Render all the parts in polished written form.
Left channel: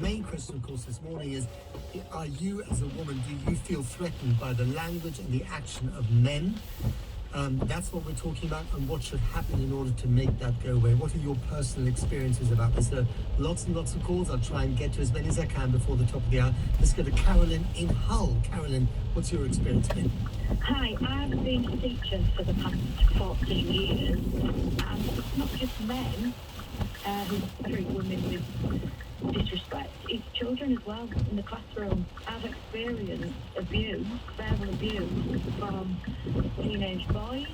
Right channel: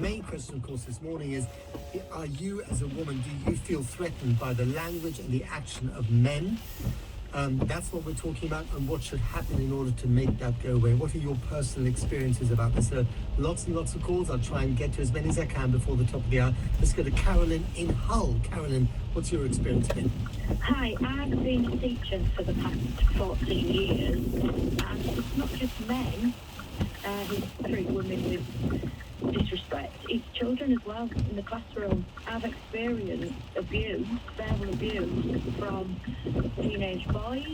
main question, of course, this morning is, are you as a woman, do you feel threatened by the language and the action of men? That's what we're talking about, and what should happen in order to make that go away. What are your personal experiences about this? Lots and lots of calls. I'll try and get to as many as I can before the top of the hour. Let's go to Carolyn in Hull. Carolyn, what's your experience been? Hi, I've been a teacher for the past 14 years, and it's not just men who treat women with disrespect, it's children as well in the classroom. I've experienced abuse, verbal abuse from teenage boys,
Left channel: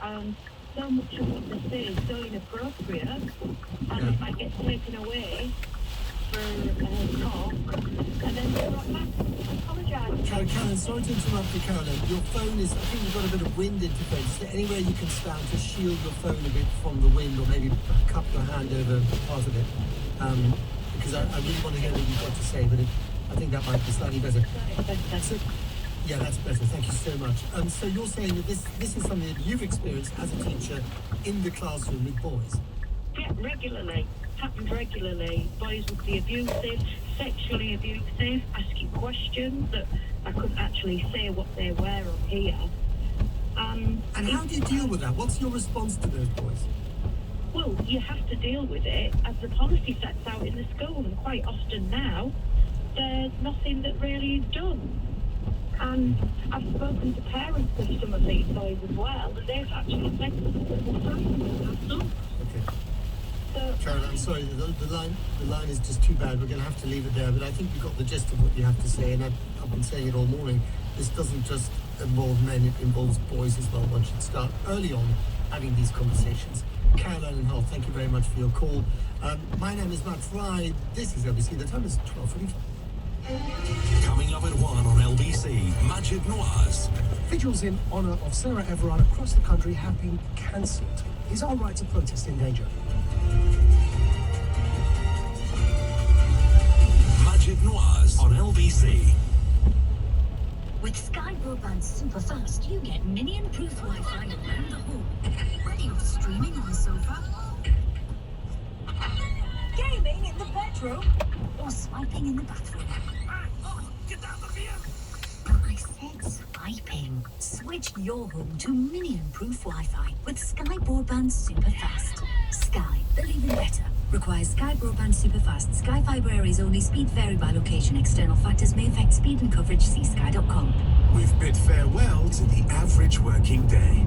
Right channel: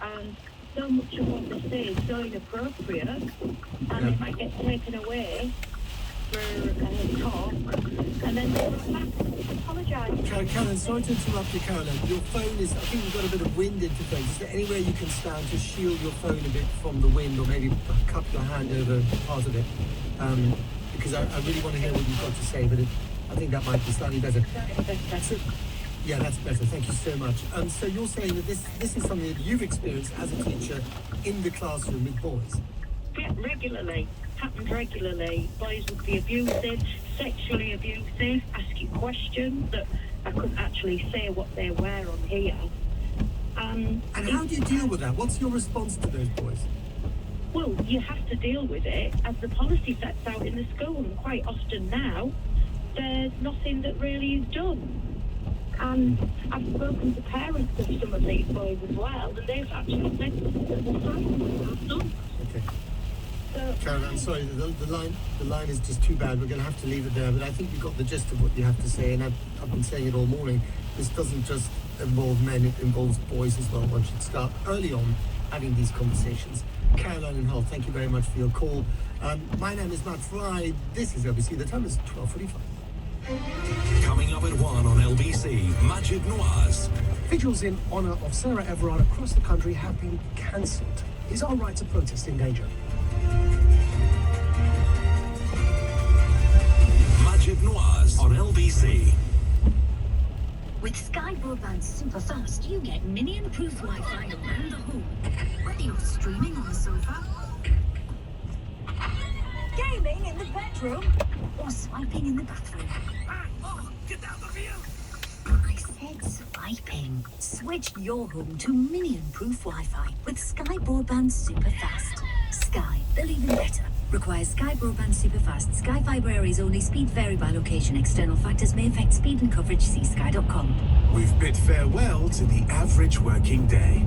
and so much of what they say is so inappropriate, and it might get taken away for a talk, and then they're like, I apologise. Carolyn, sorry to interrupt you, Carolyn. Your phone is, I think you've got a bit of wind interference. Is there anywhere you can stand to shield your phone a bit from the wind, or maybe cup your hand over part of it? Because I really want to hear what you've got to say, but I think that might be slightly better. So, yeah, that's better. Thank you so much. So you're saying that this is something that you've experienced as a teacher in the classroom with boys? Yeah, regularly. Happens regularly. Boys would be abusive, sexually abusive, ask you questions that I couldn't actually say what they were on here. And how do you deal with that? What's your response to those boys? Well, you have to deal with it as the policy sets out in the school, and quite often now there's nothing that really is done. And I've spoken to parents of some of these boys as well, and they've actually said that the time has done. Okay. Carolyn, I'm sorry, the line is just too bad. We're going to have to leave it there, but I think you've got the gist of what you have to say, and I've been saying it all morning. This doesn't just involve men, it involves boys as well. One should start early on having these conversations. Caroline and Hull, thank you very much for your call. My name is Matt Fry. This is LBC. The time is 12:45. Coming up at 1 on LBC, Majid Noirs. Vigils in honour of Sarah Everard across the country have been cancelled. Is our right to protest in danger? Majid Noirs on LBC. With Sky Broadband Superfast, you get minion-proof Wi-Fi around the home. Whether you're streaming on the sofa, gaming in the bedroom, or swiping in the bathroom. Oh, get down the view! I said swiping. Switch your home to minion-proof Wi-Fi with Sky Broadband Superfast. Sky, believe in better. Requires Sky Broadband Superfast. Sky Fibre areas only. Speed vary by location. External factors may affect speed and coverage. See sky.com. We've bid farewell to the average working day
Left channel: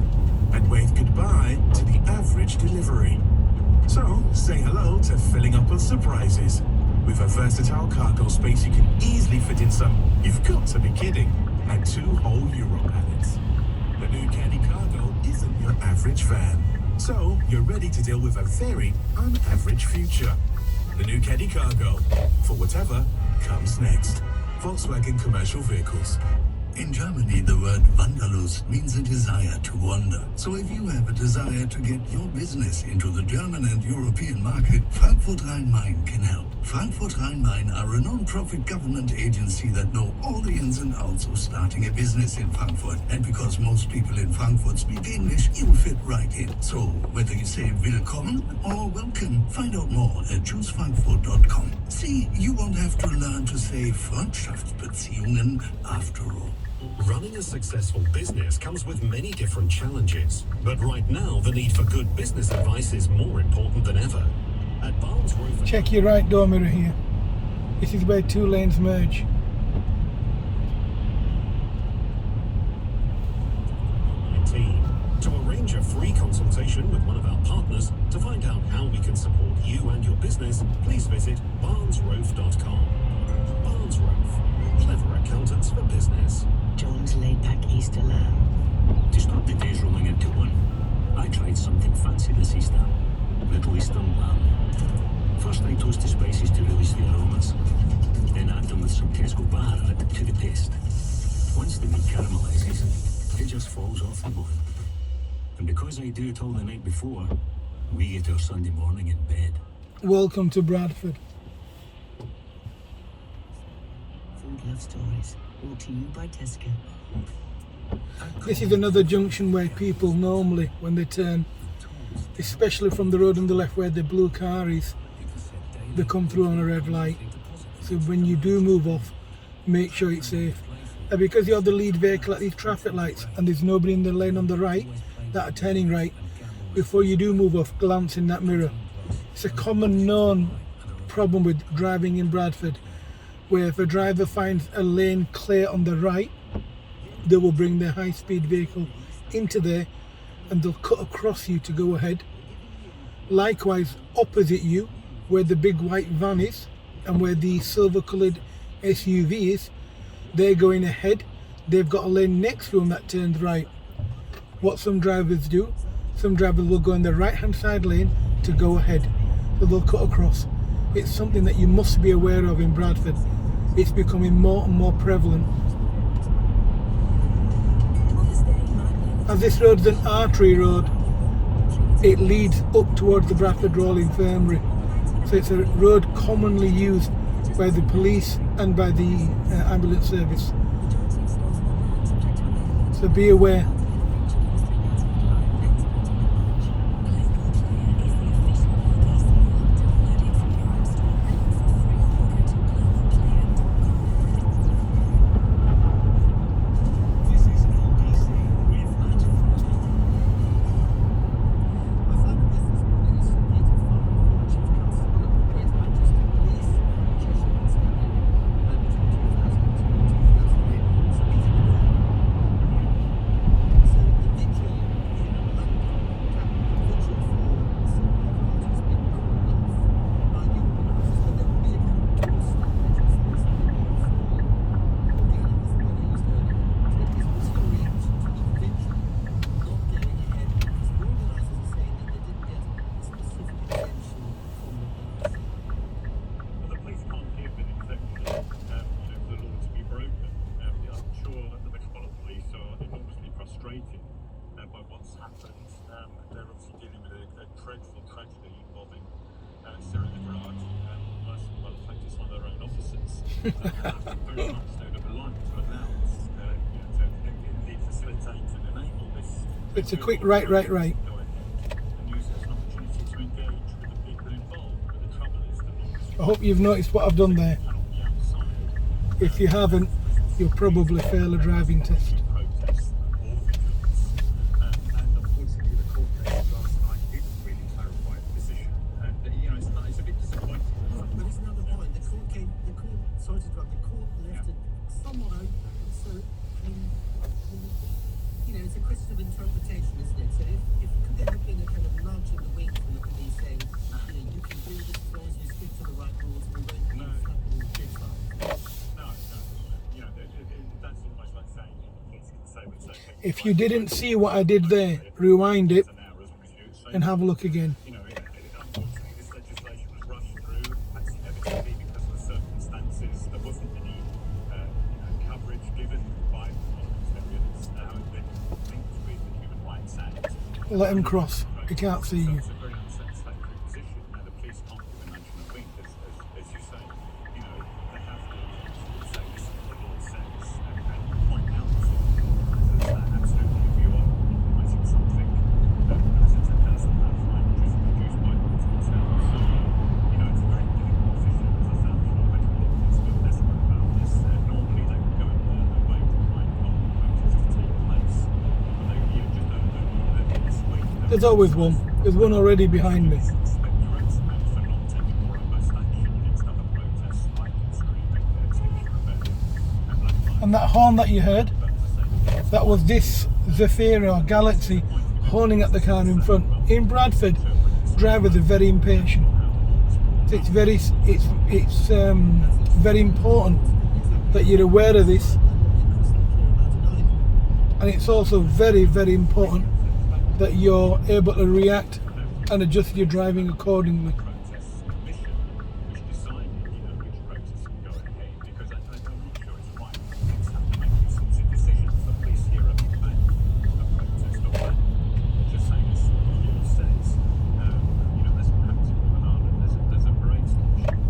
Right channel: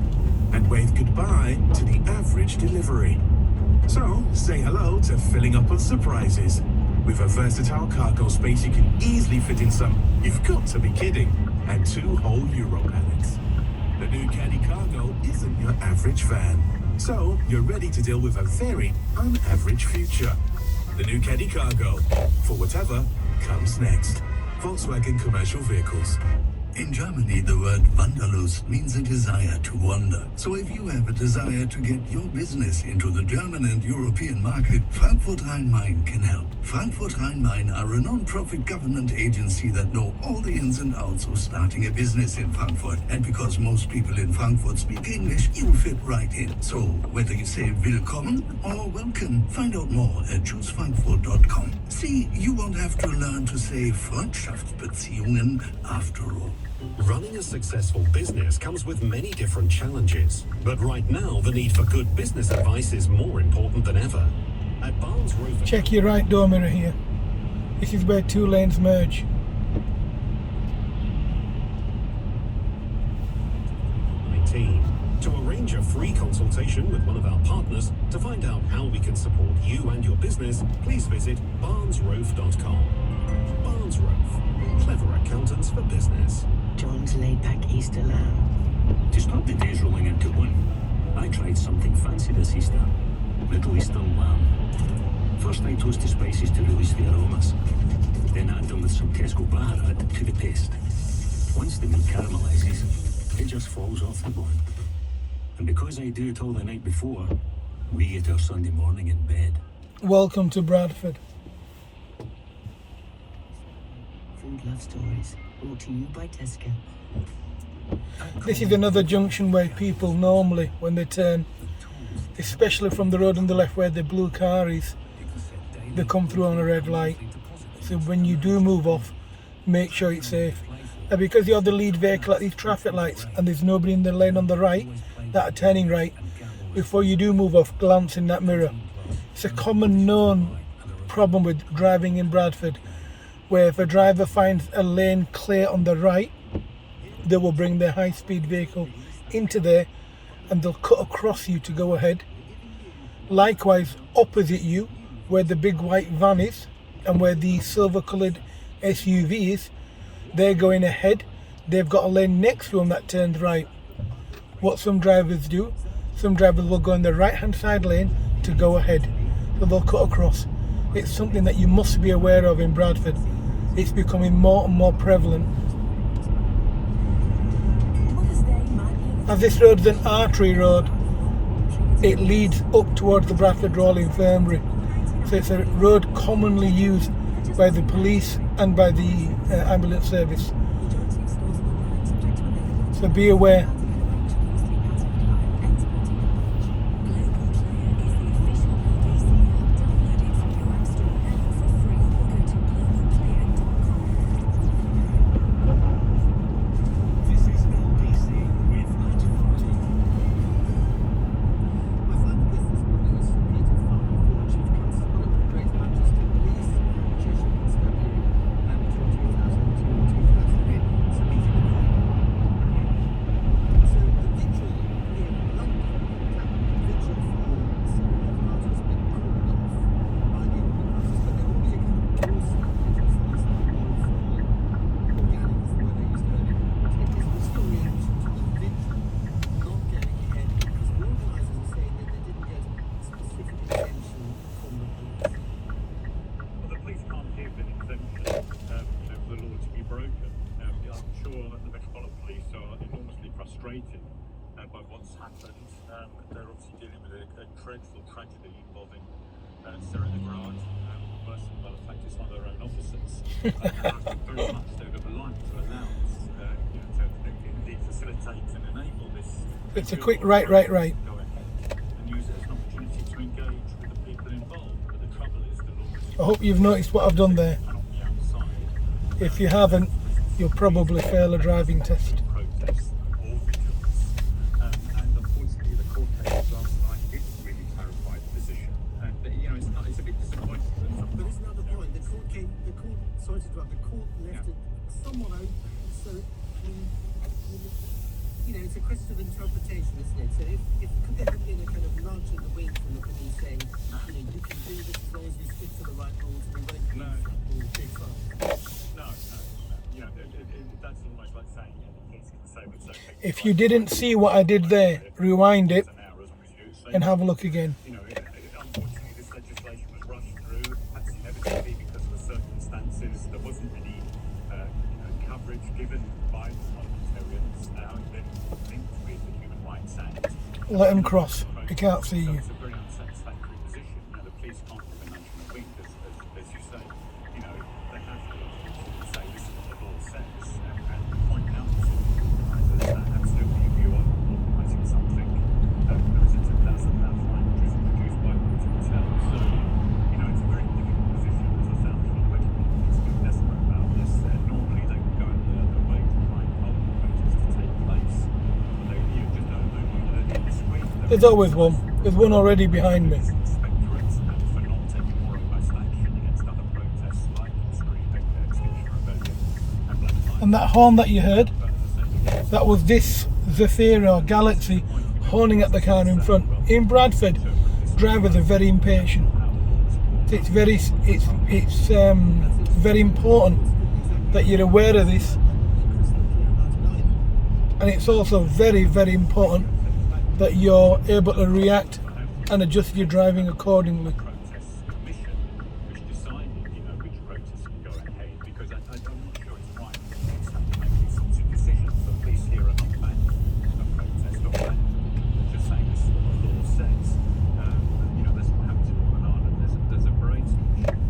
and waved goodbye to the average delivery. So, say hello to filling up on surprises. With a versatile cargo space you can easily fit in some, you've got to be kidding, and 2 whole Euro pallets. The new Caddy Cargo isn't your average van. So, you're ready to deal with a very unaverage future. The new Caddy Cargo, for whatever comes next. Volkswagen Commercial Vehicles. In Germany, the word Wanderlust means a desire to wander. So if you have a desire to get your business into the German and European market, Frankfurt Rhein-Main can help. Frankfurt Rhein-Main are a non-profit government agency that know all the ins and outs of starting a business in Frankfurt. And because most people in Frankfurt speak English, you fit right in. So whether you say willkommen or welcome, find out more at choosefrankfurt.com. See, you won't have to learn to say Freundschaftsbeziehungen after all. Running a successful business comes with many different challenges, but right now the need for good business advice is more important than ever. At Barnes Roof, check your right door mirror here. This is where 2 lanes merge. to arrange a free consultation with one of our partners to find out how we can support you and your business, please visit barnesroof.com. Barnes Roof, clever accountants for business. John's laid-back Easter lamb. To stop the days rolling into one, I tried something fancy this Easter. Middle Eastern lamb. First I toast the spices to release the aromas. Then add them with some Tesco baharat to the paste. Once the meat caramelizes, it just falls off the bone. And because I do it all the night before, we eat our Sunday morning in bed. Welcome to Bradford. Food Love Stories, brought to you by Tesco. This is another junction where people normally, when they turn, especially from the road on the left where the blue car is, they come through on a red light. So when you do move off, make sure it's safe. And because you're the lead vehicle at these traffic lights and there's nobody in the lane on the right that are turning right, before you do move off, glance in that mirror. It's a common known problem with driving in Bradford, where if a driver finds a lane clear on the right, they will bring their high-speed vehicle into there and they'll cut across you to go ahead. Likewise, opposite you, where the big white van is and where the silver-coloured SUV is, they're going ahead. They've got a lane next to them that turns right. What some drivers do, some drivers will go in the right-hand side lane to go ahead, so they'll cut across. It's something that you must be aware of in Bradford. It's becoming more and more prevalent. As this road is an artery road, it leads up towards the Bradford Royal Infirmary. So it's a road commonly used by the police and by the ambulance service. So be aware. By what's happened. They're obviously dealing with a dreadful tragedy involving Sarah Everard, worse than well, in fact, it's one of their own officers. Very much they would have liked to allow to indeed facilitate and enable this. It's a quick right. Go ahead and use it as an opportunity to engage with the people involved. But the trouble is the law. I hope you've noticed what I've done there. If you haven't, you'll probably fail a driving test. It's a question of interpretation, isn't it? So if could there have been a kind of nudge in the wing from the police saying, you can do this as long as you stick to the right rules, we won't give you big fines. No. That's almost like saying the police can say it's okay. If you didn't see what I did there, rewind it and have a look again. Unfortunately, this legislation was rushed through, perhaps inevitably because of the circumstances. There wasn't any coverage given by the parliamentarians. How it's been linked with the Human Rights Act. Let them cross. He can't see you. It's a very unsatisfactory position. Now, the police can't give a nudge in the wing, as you say. They have to unfortunately say this is what the law says and point out that absolutely if you are organising something, it's a £10,000 fine which is produced by the hotel. So, it's a very difficult position, as I found for the medical officers feel desperate about this. Normally they would go away to try and help the protest to take place. But they just don't early this week. There's always one. There's one already behind me. For not taking more robust action against other protests like Extinction Rebellion and Black Lives. And that horn that you heard, that was this Zephyr or Galaxy horning at the car in front. In Bradford, drivers are very impatient. So it's very important that you're aware of this, and it's also very, very important that you're able to react and adjust your driving accordingly. Protests Commission, which decided, which protests can go ahead, because I'm not sure it's right. Police have to make these sorts of decisions. The police here are not banning a protest or just saying this is what the law says. That's what happens in Northern Ireland. There's a parade station.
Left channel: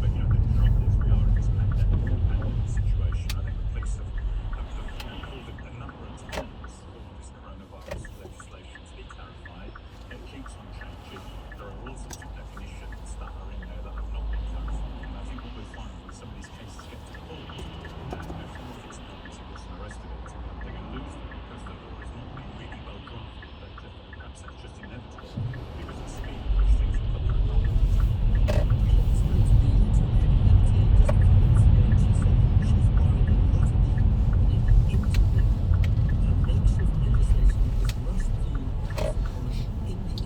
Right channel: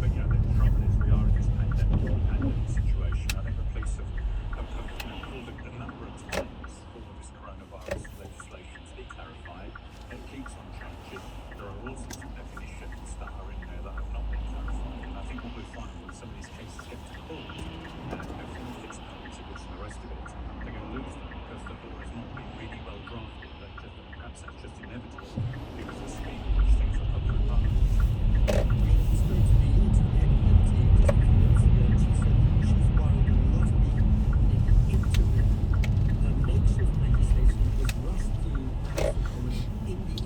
But the trouble is we are in this pandemic situation. I think the police have called it a number of times for this coronavirus legislation to be clarified. It keeps on changing. There are all sorts of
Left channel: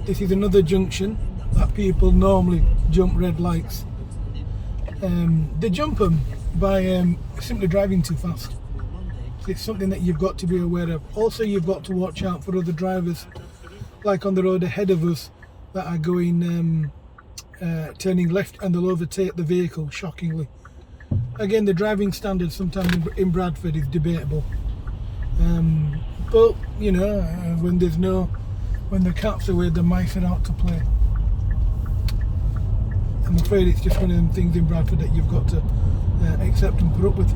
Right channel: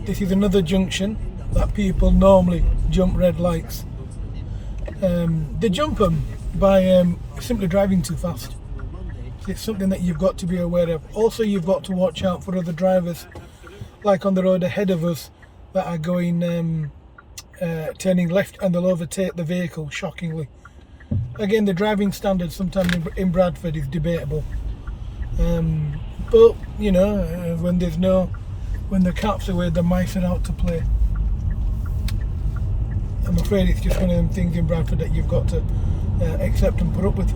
This is another junction that people normally jump red lights. They jump them by simply driving too fast. It's something that you've got to be aware of. Also, you've got to watch out for other drivers, like on the road ahead of us, that are going turning left, and they'll overtake the vehicle, shockingly. Again, the driving standard sometimes in Bradford is debatable. But, you know, when the cat's away, the mice are out to play. I'm afraid it's just one of them things in Bradford that you've got to accept and put up with.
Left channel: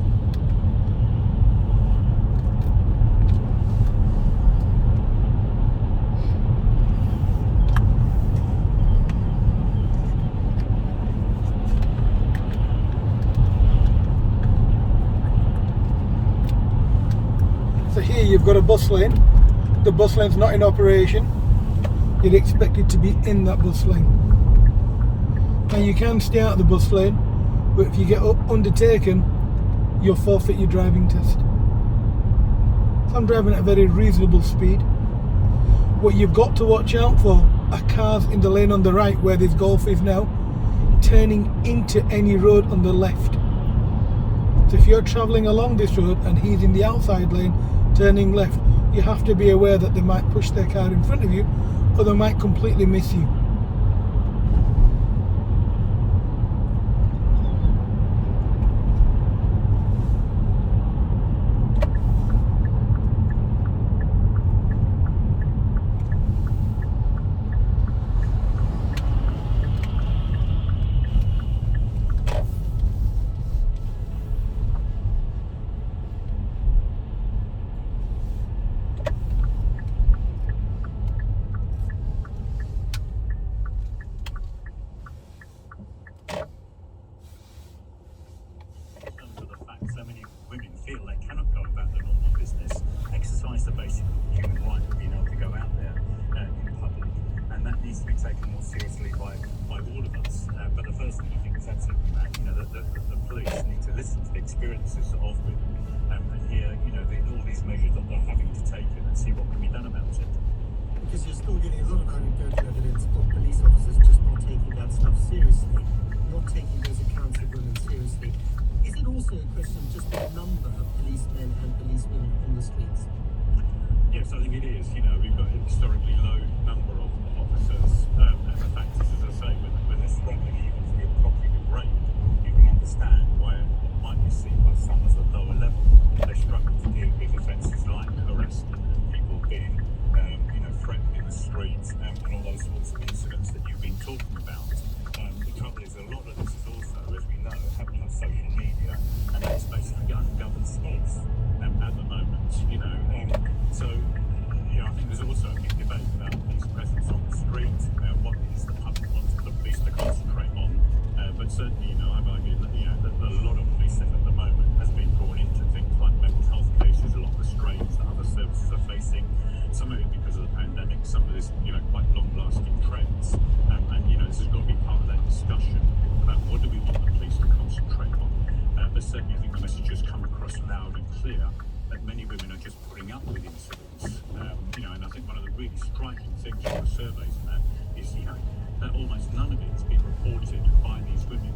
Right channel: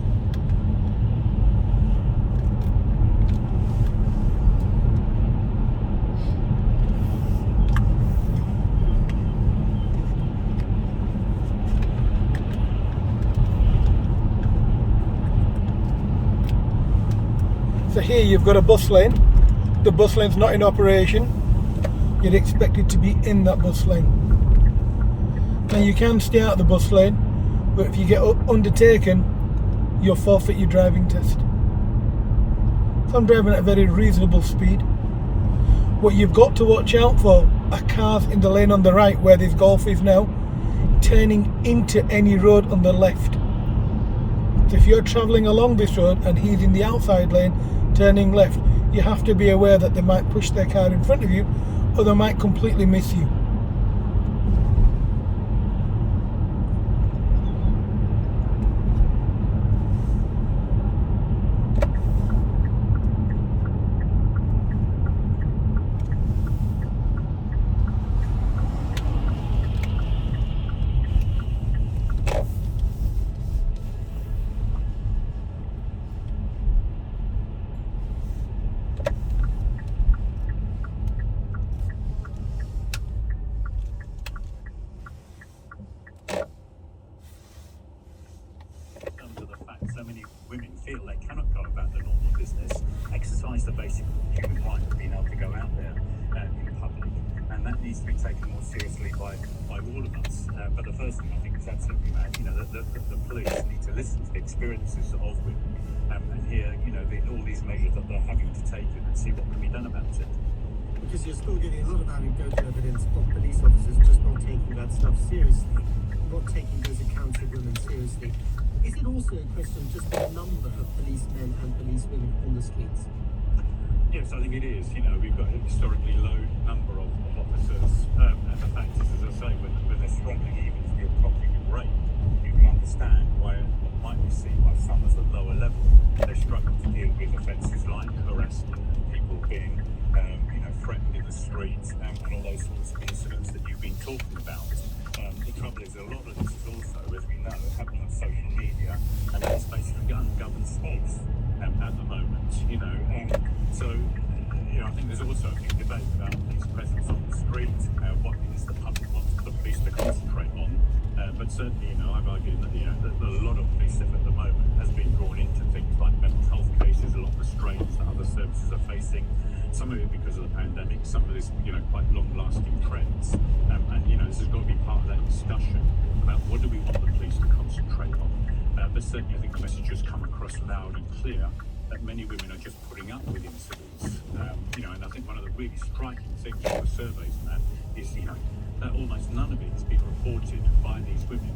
So here you've got a bus lane. The bus lane's not in operation. You're expected to be in that bus lane. Now you can stay out of the bus lane, but if you get undertaken, you'll forfeit your driving test. So I'm driving at a very reasonable speed. What you've got to watch out for are cars in the lane on the right, where this Golf is now, turning into any road on the left. So if you're travelling along this road and he's in the outside lane turning left, you have to be aware that they might push their car in front of you, or they might completely miss you. So many women feel they cannot go about their normal business, exercise the basic human right of being able to go out there in public, and that needs to be taken more seriously by all of us. But the first thing I think is absolutely mad. You know, the police need to listen to the experiences of women and hear, you know, all these measures that they're having to take and see what can be done about it. Because you're still getting a lot of anecdotal evidence of police officers just not taking that stuff seriously, not taking those accounts of women seriously. Is it also a question of just the number of policemen and policewomen on the streets? Yes, I think it is. You know, we've got a historically low number of officers, and the fact is, as I say, when they're struggling even to get properly rate, you can understand why what might be seen by some as a lower level. They struggle to deal with offences like harassment, people being, threatened in the streets, and all those sorts of incidents that you've been talking about. The trouble is, a lot of this is also, as we know, happening on social media, and it's basically ungoverned space at the moment, I think there's also a big debate about police presence on the street, what is the public wants the police to concentrate on, but certainly, I've argued that, that a lot of police effort at the moment has been drawn into things like mental health cases, a lot of the strains that other services are facing, some of it because of the pandemic, some of this, quite long-lasting trends, this has got to be part of that discussion about what do we want the police to concentrate on. But certainly I think the message has come across loud and clear that many women are just putting up with incidents. And I think one of the really striking things from the surveys, Matt, is that almost none of it has been reported by these women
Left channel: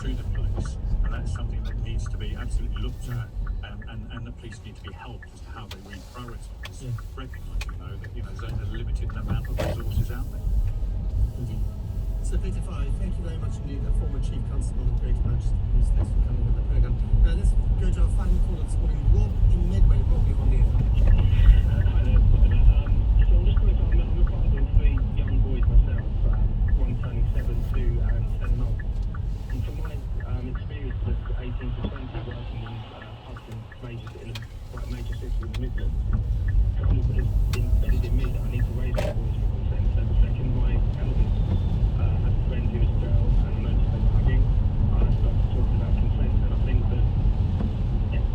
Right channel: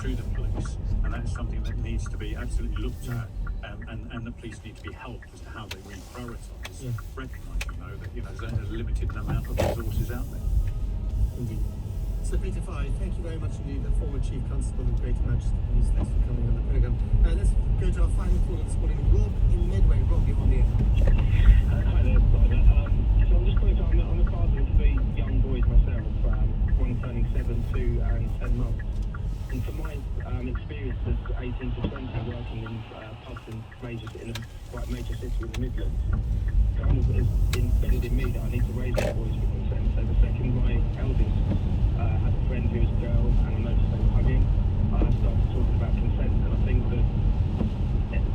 to the police, and that's something that needs to be absolutely looked at, and the police need to be helped as to how they reprioritise, recognising though that there's a limited amount of resources out there. Indeed. So Peter Fry, thank you very much indeed, the former Chief Constable of Greater Manchester Police. Thanks for coming on the programme. Now let's go to our final caller this morning, Rob in Medway. Rob, you're on the air. Hi there, so I'm just calling, I'm a father of 3 young boys myself, one turning 7, 2 and 10 months. And from my experience as 18 to 20 working in pubs in quite major cities in the Midlands, kind of has embedded in me that I need to raise my boys for consent. So the second my eldest had a friend who was a girl, and I noticed they were hugging, I started talking about consent, and I think that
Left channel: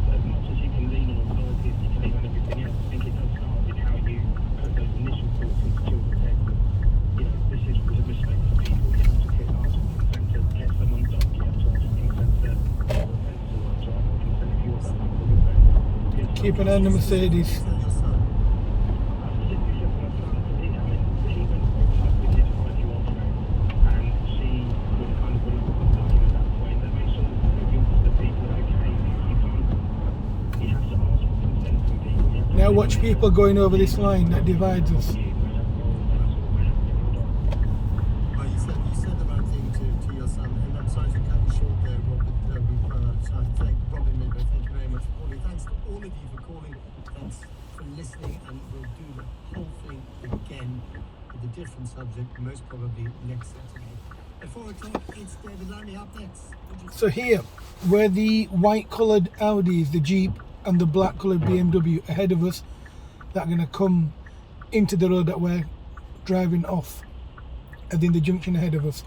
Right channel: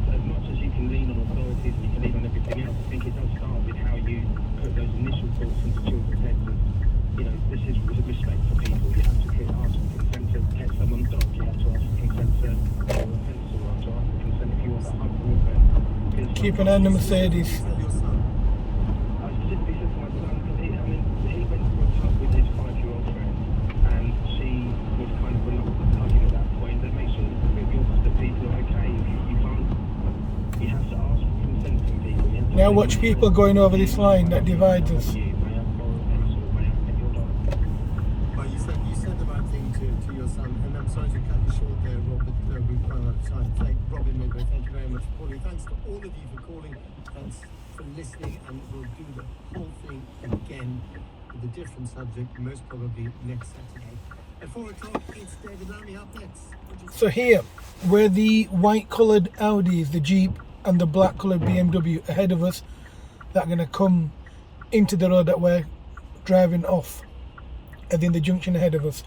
as much as you can lean on authorities and you can lean on everything else, I think it does start with how you put those initial thoughts into children's heads. And, this is respect for people. You have to ask for consent to get someone's dog. You have to ask for consent to borrow a pencil. You have to ask for consent if you want to hug the woodman. Keep an eye on the Mercedes. I specifically said to my son, because he went for a hug watch people going over this line that divides us. Well, you said the right thing to your son, and I'm sorry to cut you short there, Robert. We've run out of time. Robin Midway, thank you very much for calling. Thanks to all of you for calling. Thanks for listening, and we'll do the whole thing again with a different subject, most probably next Saturday. At 4 o'clock, it's David Landy up next. So here, where the white coloured Audi is, the Jeep, and the black coloured BMW ahead of us, that are going to come into the road that we're driving off, as in the junction ahead of us.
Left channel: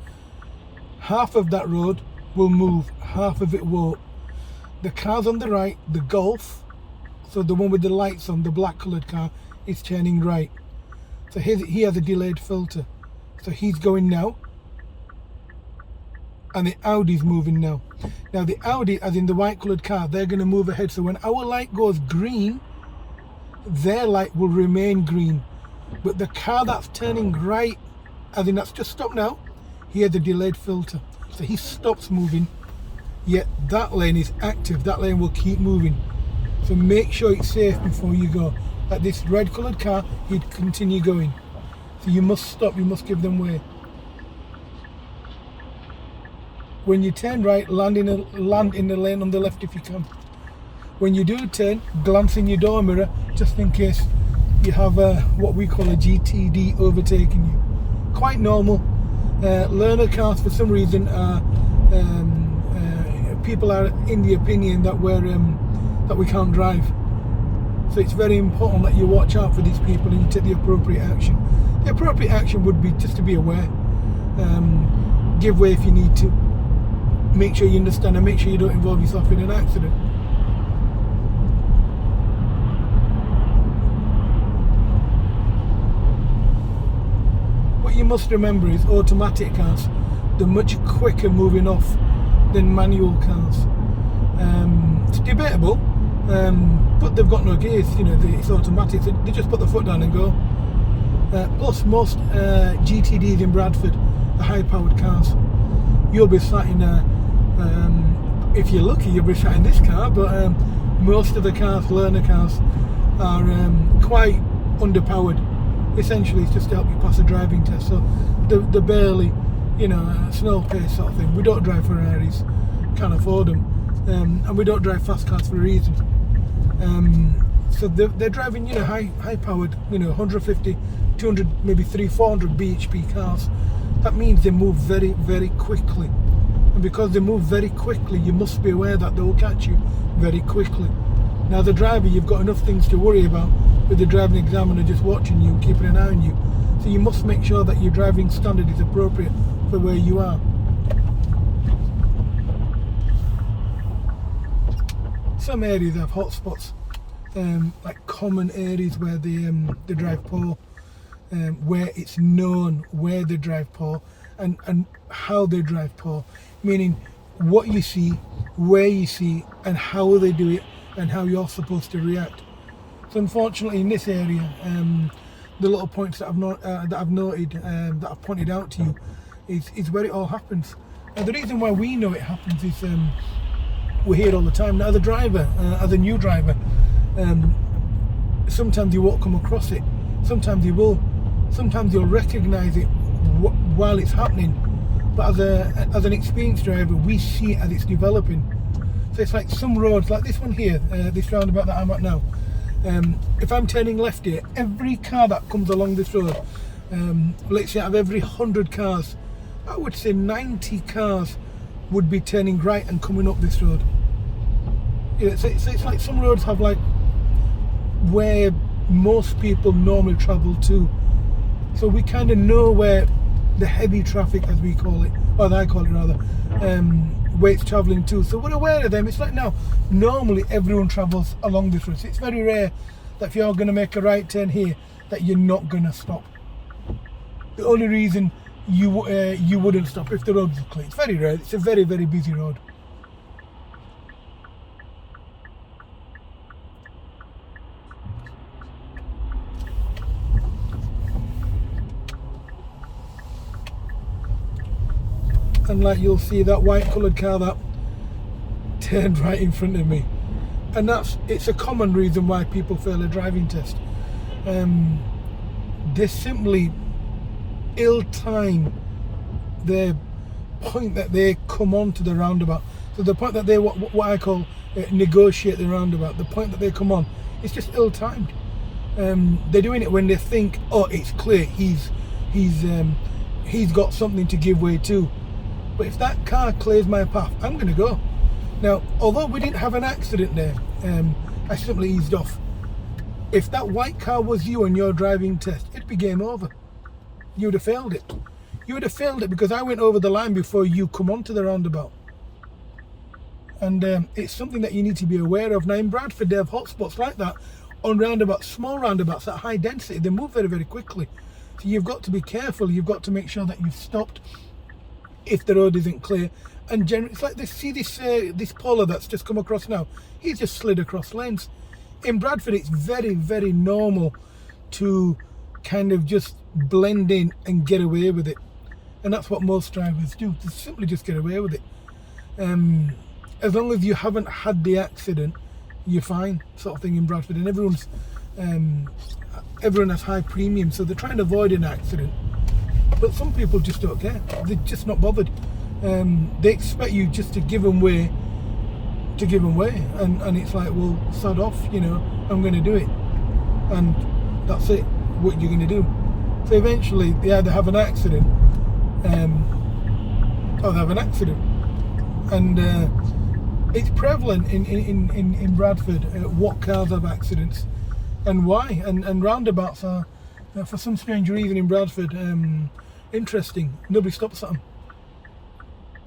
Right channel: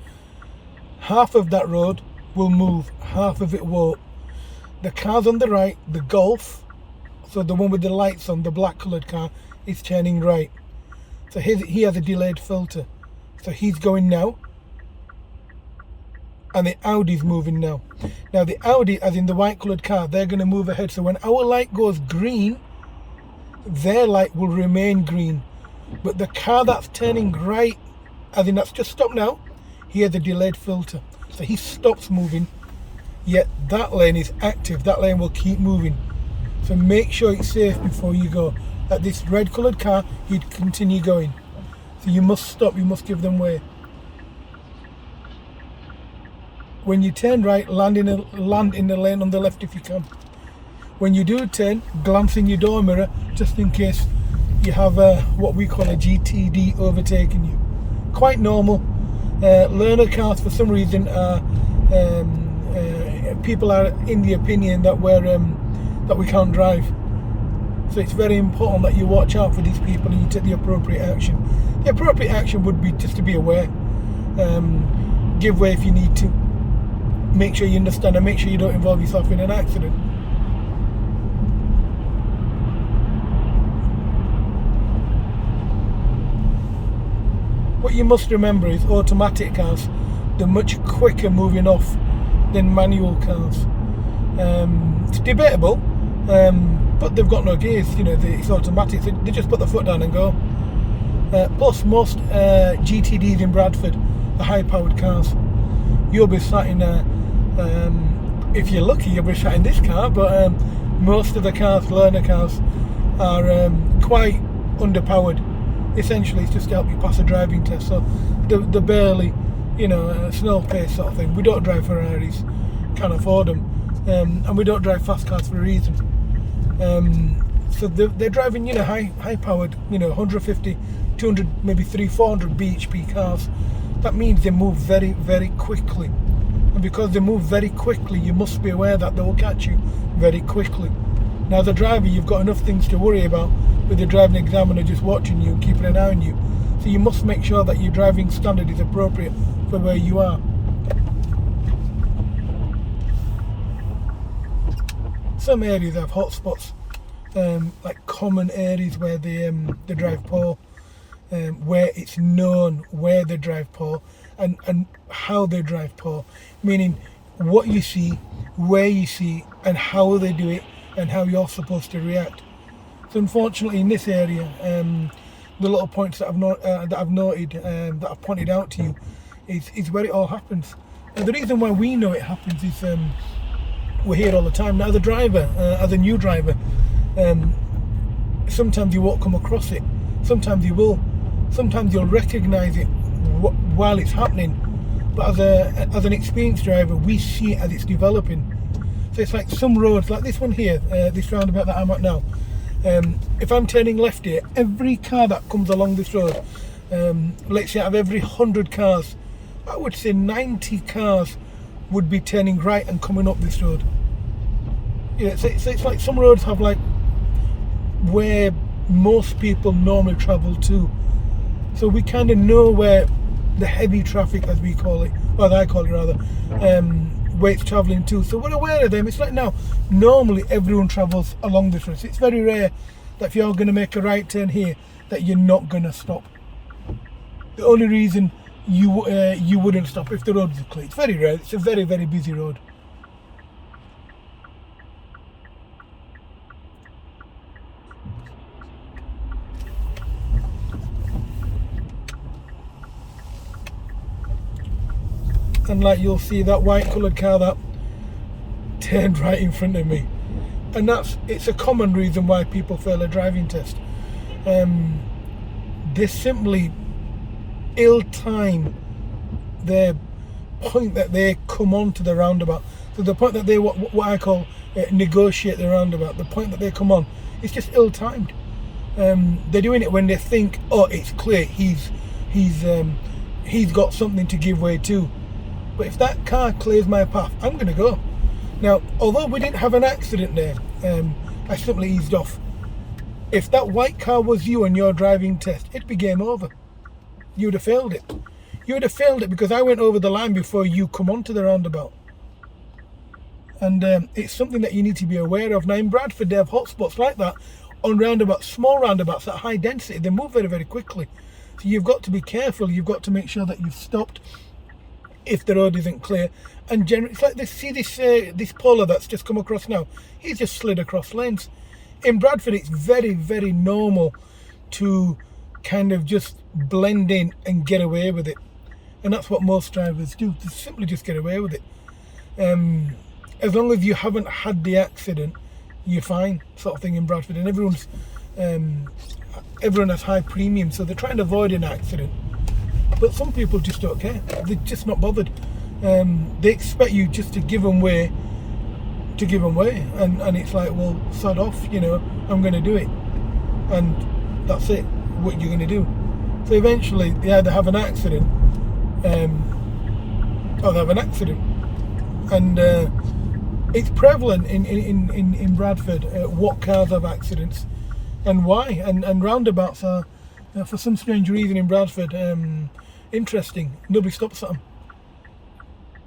Half of that road will move, half of it won't. The cars on the right, the Golf, so the one with the lights on, the black coloured car, is turning right. So he has a delayed filter. So he's going now. And the Audi's moving now. Now the Audi, as in the white coloured car, they're going to move ahead. So when our light goes green, their light will remain green. But the car that's turning right, as in that's just stopped now, he has a delayed filter. So he stops moving, yet that lane is active. That lane will keep moving. So make sure it's safe before you go. Like this red coloured car, he'd continue going. So you must stop, you must give them way. When you turn right, land in the lane on the left if you can. When you do turn, glance in your door mirror, just in case you have what we call a GTD overtaking you. Quite normal. Learner cars, for some reason, are people are in the opinion that that we can't drive. So it's very important that you watch out for these people and you take the appropriate action. The appropriate action would be just to be aware. Give way if you need to. Make sure you understand and make sure you don't involve yourself in an accident. What you must remember is automatic cars, they're much quicker moving off than manual cars. It's debatable, but they've got no gears, you know, it's automatic, so they just put the foot down and go. Plus most GTDs in Bradford are high powered cars. You'll be sat in if you're lucky, you'll be sat in this car, but most of the cars, learner cars, are quite underpowered. Essentially, it's just to help you pass a driving test. So they're barely, you know, snail pace sort of thing. We don't drive Ferraris, can't afford them, and we don't drive fast cars for a reason. So they're driving, you know, high powered, you know, 150, 200, maybe 300-400 bhp cars. That means they move very, very quickly. And because they move very quickly, you must be aware that they will catch you very quickly. Now, as a driver, you've got enough things to worry about with the driving examiner just watching you and keeping an eye on you. So you must make sure that your driving standard is appropriate for where you are. Some areas have hotspots, like common areas where they drive poor, where it's known where they drive poor and how they drive poor, meaning what you see, where you see, and how they do it, and how you're supposed to react. So unfortunately in this area, the little points that I've noted, that I've pointed out to you, is where it all happens. And the reason why we know it happens is we're here all the time. Now, as a driver, as a new driver, sometimes you won't come across it. Sometimes you will. Sometimes you'll recognise it while it's happening. But as an experienced driver, we see it as it's developing. So it's like some roads, like this one here, this roundabout that I'm at now. If I'm turning left here, every car that comes along this road, let's say out of every 100 cars, I would say 90 cars would be turning right and coming up this road. Yeah, so it's like some roads have like where most people normally travel to. So we kind of know where the heavy traffic, as we call it, or as I call it rather, where it's travelling to. So we're aware of them. It's like now, normally everyone travels along this road. So it's very rare that if you're going to make a right turn here, that you're not going to stop. The only reason you wouldn't stop if the road is clear. It's very rare. It's a very, very busy road. And like you'll see that white coloured car that turned right in front of me, And it's a common reason why people fail a driving test. They simply ill-time the point that they come onto the roundabout. So the point that they what I call negotiate the roundabout, the point that they come on, it's just ill-timed. They're doing it when they think, oh, it's clear, he's got something to give way to. But if that car clears my path, I'm going to go. Now, although we didn't have an accident there, I simply eased off. If that white car was you on your driving test, it'd be game over. You would have failed it. You would have failed it because I went over the line before you come onto the roundabout. And it's something that you need to be aware of. Now in Bradford, they have hotspots like that on roundabouts, small roundabouts at high density. They move very, very quickly. So you've got to be careful. You've got to make sure that you've stopped if the road isn't clear. And generally, it's like this. See this polo that's just come across now. He's just slid across lanes. In Bradford, it's very, very normal to kind of just blend in and get away with it, and that's what most drivers do. They simply just get away with it. As long as you haven't had the accident, you're fine, sort of thing in Bradford. And everyone has high premium, so they're trying to avoid an accident. But some people just don't care. They're just not bothered. They expect you just to give them way, and it's like, well, sod off, I'm going to do it, and that's it. What you're going to do. So eventually, they either have an accident, or they have an accident, and it's prevalent in Bradford what cars have accidents and why, and roundabouts are, for some strange reason in Bradford, interesting. Nobody stops at them.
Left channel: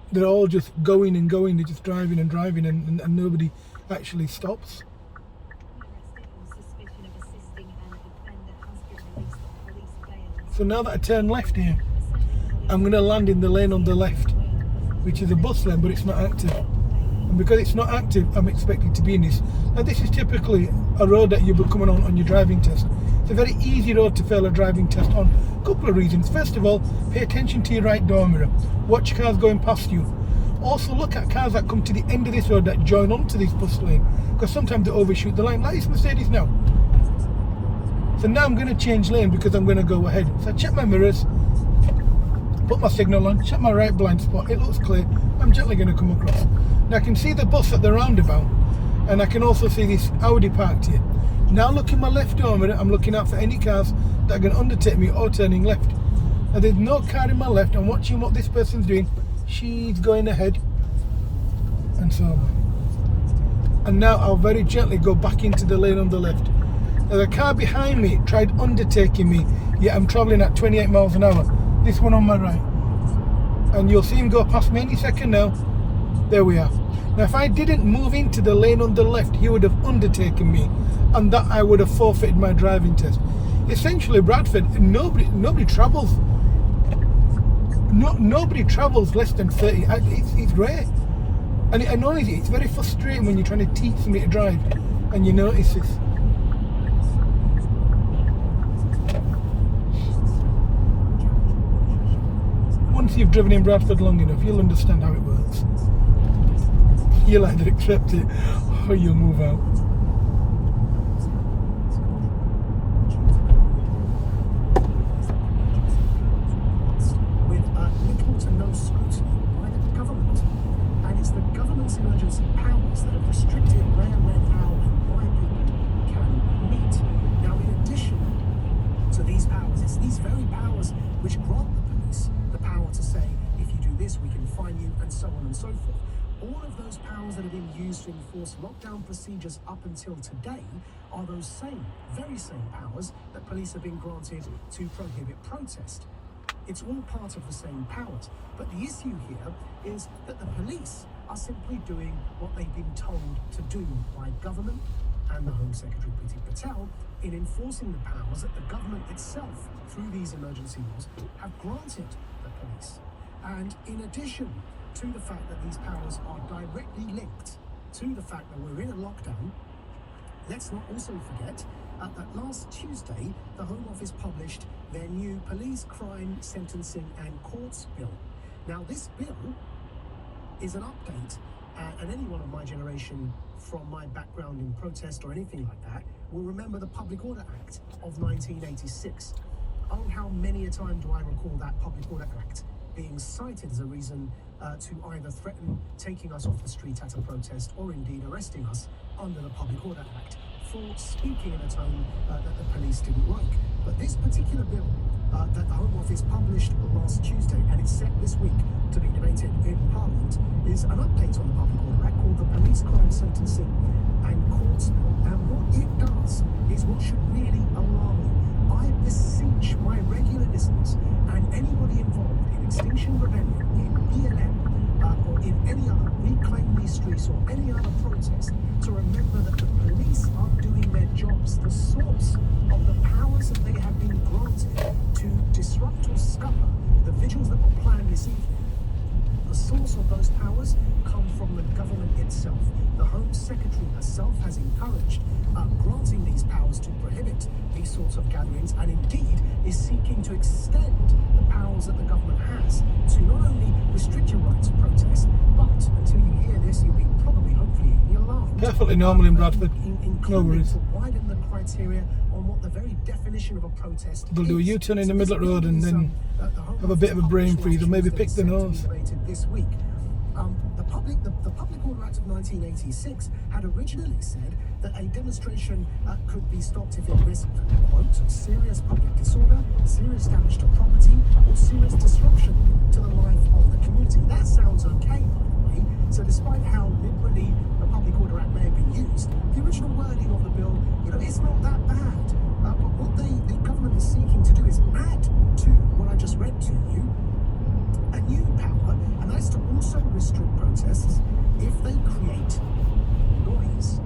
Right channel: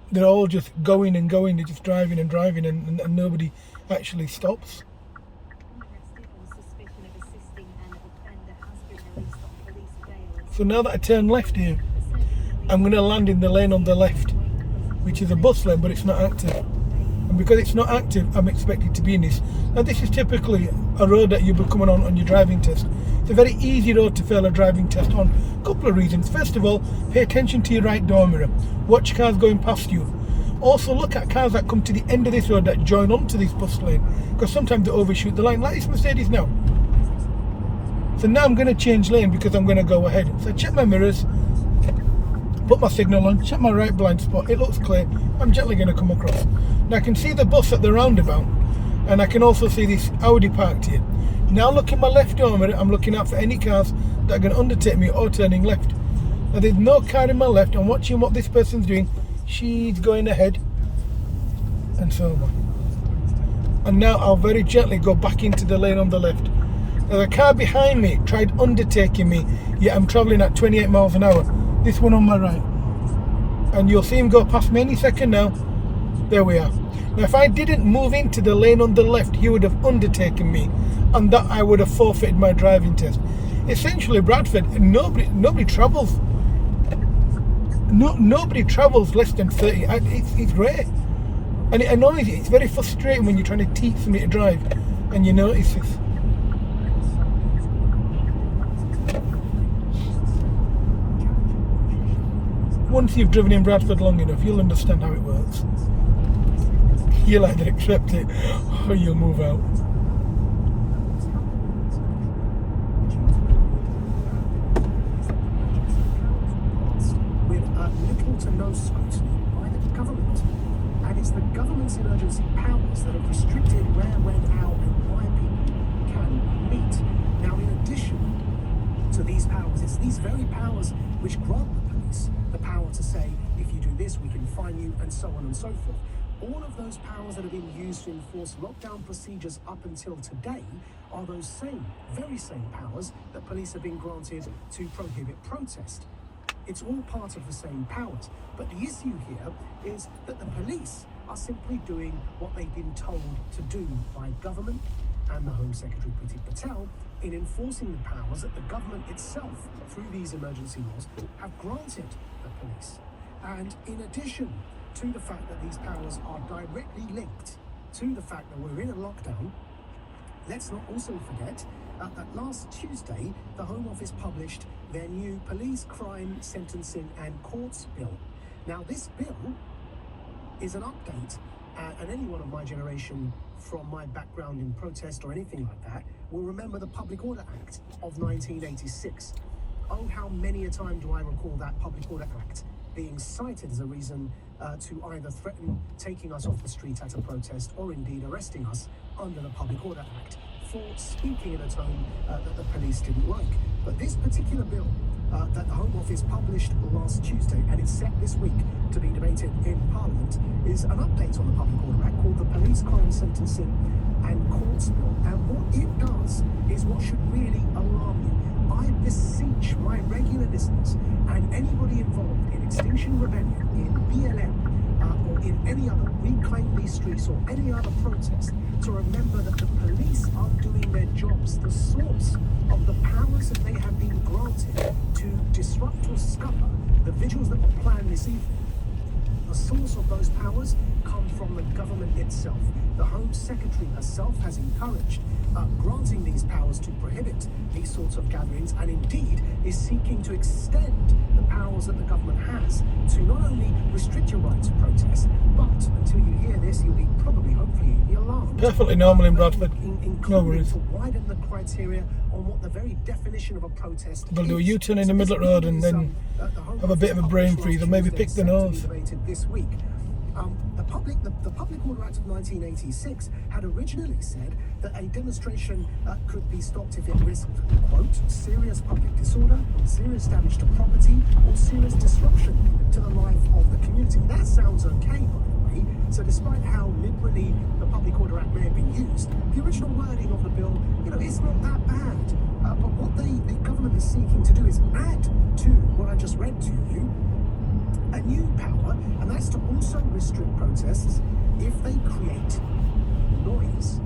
They're all just going and going. They're just driving and driving, and nobody actually stops. So now that I turn left here, I'm going to land in the lane on the left, which is a bus lane, but it's not active. And because it's not active, I'm expected to be in this. Now this is typically a road that you'll be coming on your driving test. It's a very easy road to fail a driving test on. A couple of reasons. First of all, pay attention to your right door mirror. Watch cars going past you. Also look at cars that come to the end of this road that join onto this bus lane, because sometimes they overshoot the line, like this Mercedes now. So now I'm going to change lane because I'm going to go ahead. So I check my mirrors, put my signal on, check my right blind spot. It looks clear. I'm gently going to come across. Now I can see the bus at the roundabout, and I can also see this Audi parked here. Now look in my left door mirror. I'm looking out for any cars that are going to undertake me or turning left. Now there's no car in my left. I'm watching what this person's doing. She's going ahead, and so on. And now I'll very gently go back into the lane on the left. Now the car behind me tried undertaking me, yet I'm travelling at 28 miles an hour. This one on my right. And you'll see him go past me any second now. There we are. Now if I didn't move into the lane on the left, he would have undertaken me, and that I would have forfeited my driving test. Essentially, Bradford, nobody travels. Nobody travels less than 30. It's rare. And it annoys you. It's very frustrating when you're trying to teach somebody to drive and you notice this. Once you've driven in Bradford long enough, you'll understand how it works. You'll either accept it or you'll move out. With little to no scrutiny by the government. And it's the government's emergency powers that have restricted where, when, how, and why people can meet. Now, in addition to these powers, it's these very powers which grant the police the power to say, if you do this, we can fine you, and so on and so forth. All of those powers that have been used to enforce lockdown procedures up until today are those very same powers that police have been granted to prohibit protest. It's all part of the same powers. But the issue here is that the police are simply doing what they've been told to do by government and the Home Secretary Priti Patel in enforcing the powers that the government itself, through these emergency laws, have granted the police. And in addition to the fact that these powers are directly linked to the fact that we're in a lockdown, let's not also forget that last Tuesday, the Home Office published their new Police Crime Sentencing and Courts Bill. Now, this bill is an update, and anyone of my generation from my background in protest or anything like that will remember the Public Order Act of 1986. Oh, how many a time do I recall that Public Order Act being cited as a reason to either threaten taking us off the street at a protest or indeed arresting us under the Public Order Act for speaking in a tone that the police didn't like. But this particular bill that the Home Office published last Tuesday, and it's set this week to be debated in Parliament, is an update on the Public Order Act called the Police Crime Sentencing and Courts Bill. And what it does is what should really alarm you. I beseech my regular listeners and anybody involved in Extinction Rebellion, in BLM, or in any other Reclaim These Streets or any other protest to remember that the police are doing their jobs. The source of the powers that they have been granted to disrupt or scupper the vigils that were planned this evening, the source of those powers come from the government itself. The Home Secretary herself has encouraged granting these powers to prohibit these sorts of gatherings, and indeed is seeking to extend the powers that the government has to not only restrict your right to protest, but until you hear this, you'll be probably, hopefully, be alarmed. Perfectly normal in Bradford. No worries. To widen the criteria on what the very definition of a protest They'll do a is. U-turn in the So middle of the road and then have a bit of a brain freeze or maybe pick the nose. This week. The Public Order Act of 1986 had originally said that a demonstration could be stopped if it risked, quote, serious public disorder, serious damage to property, or serious disruption to the life of the community. That sounds okay, by the way. So despite how liberally the Public Order Act may have been used, the original wording of the bill, it's not that bad. But what the government is seeking to do is add to what I just read to you a new power, and that's to also restrict protests if they create noise.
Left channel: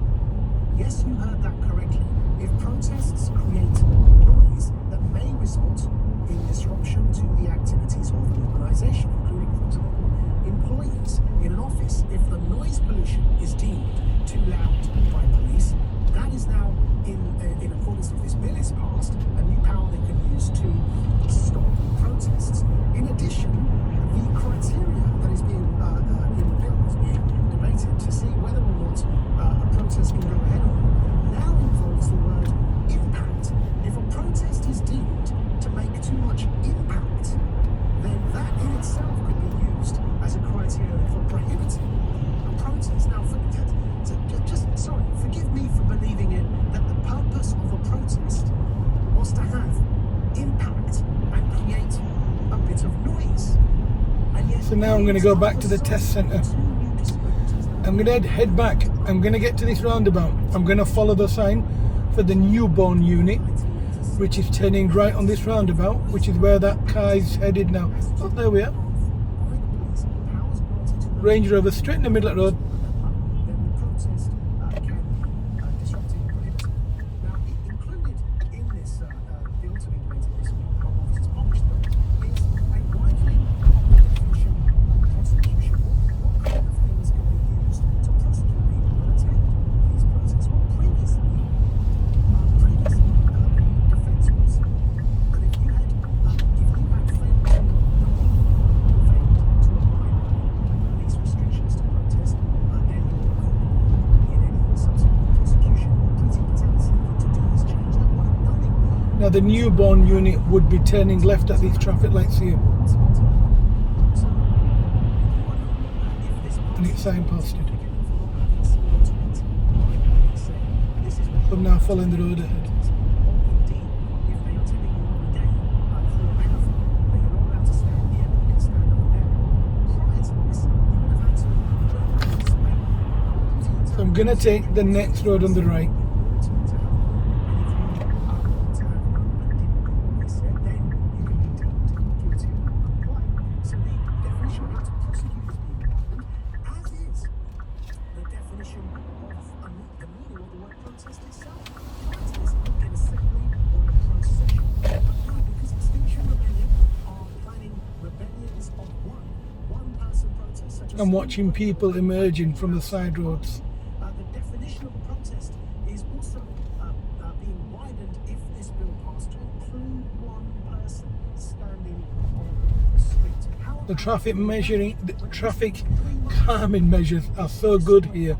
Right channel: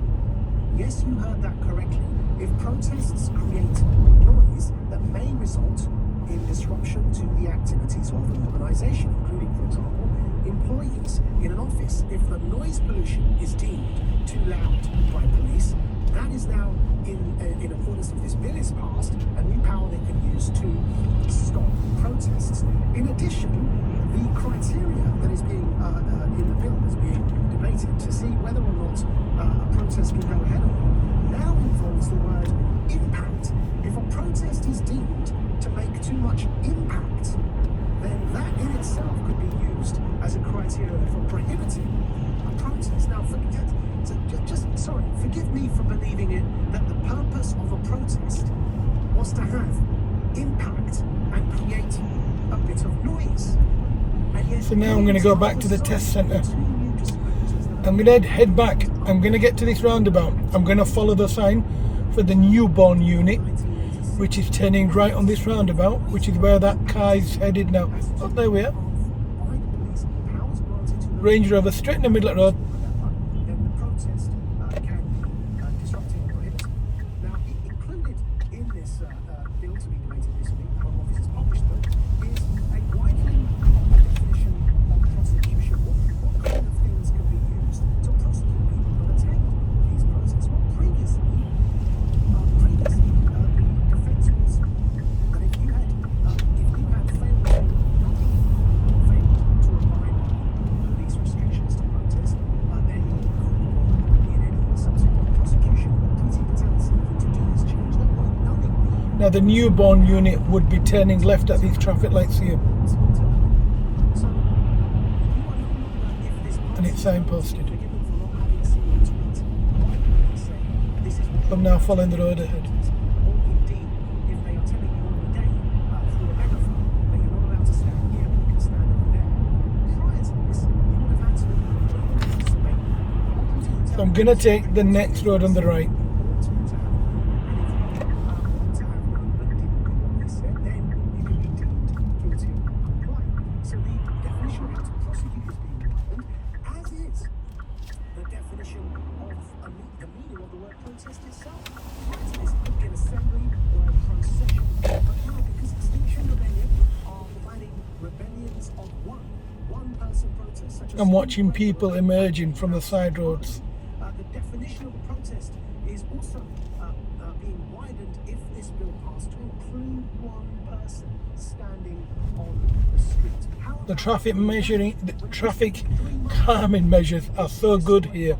Yes, you heard that correctly. If protests create noise that may result in disruption to the activities of an organisation, including, for example, employees in an office, if the noise pollution is deemed too loud by police, that is now, in accordance with this bill is passed, a new power they can use to stop protests. In addition, the criteria that is being in the bill is being debated to see whether or not a protest can go ahead or not now involves the word impact. If a protest is deemed to make too much impact, then that in itself could be used as a criteria for prohibiting a protest. Now, forgive me for believing it that the purpose of a protest was to have impact and create a bit of noise. And yet, So now I'm going to go back to the test centre. I'm going to head back. I'm going to get to this roundabout. I'm going to follow the sign for the newborn unit, which is turning right on this roundabout, which is where that car is headed now. Oh, there we are. Range Rover straight in the middle of the road. Now the newborn unit would be turning left at these traffic lights here. And it's signposted. I'm now following the road ahead. So I'm going to take the next road on the right. I'm watching people emerging from the side roads. The definition of a protest is also being widened if this bill passed to include one person standing on the street. The traffic calming measures are so good here.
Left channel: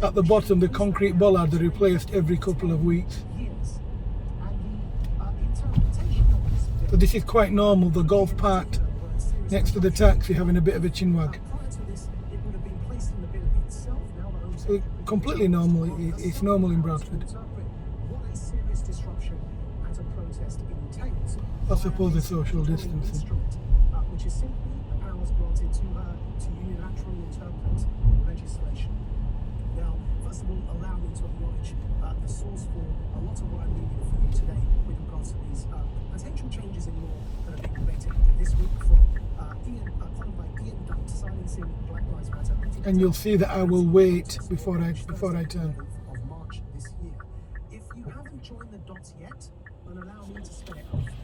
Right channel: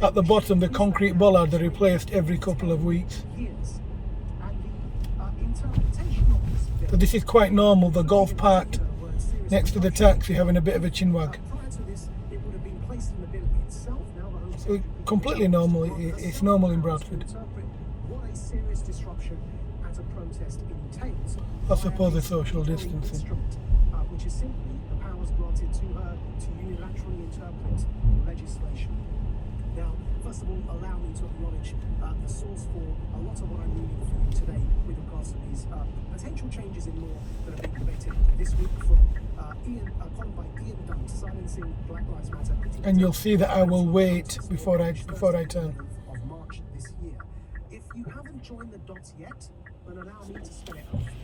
At the bottom, the concrete bollard are replaced every couple of weeks. Years. And the interpretation of this bill, But this is quite normal. The golf parked next to the taxi having a bit of a chinwag. prior to this, it would have been placed in the bill itself. Now the Home So Secretary completely normal. It's normal in Bradford. interpret what a serious disruption at a protest entails. I suppose the social via a distancing. instrument, which is simply the powers granted to her to unilaterally interpret legislation. Now, first of all, allow me to acknowledge the source for a lot of what I'm reading for you today with regards to these potential changes in law that are being debated this week from column by Ian Dunn, Silencing Black Lives Matter. And you'll see that I will wait before I turn. Of March this year. If you haven't joined the dots yet, then allow me to spell it out for you.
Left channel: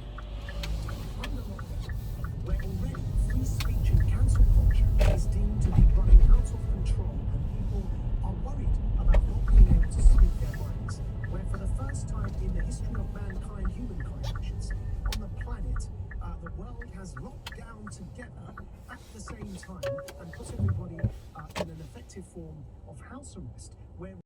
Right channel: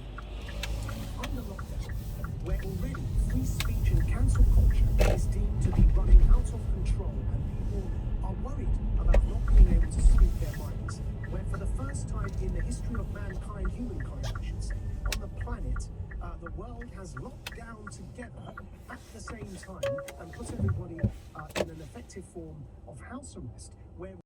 Under lockdown, where already free speech and cancel culture is deemed to be running out of control and people are worried about not being able to speak their minds, where for the first time in the history of mankind, humankind, I should say, on the planet, the world has locked down together at the same time and put everybody in an effective form of house arrest, where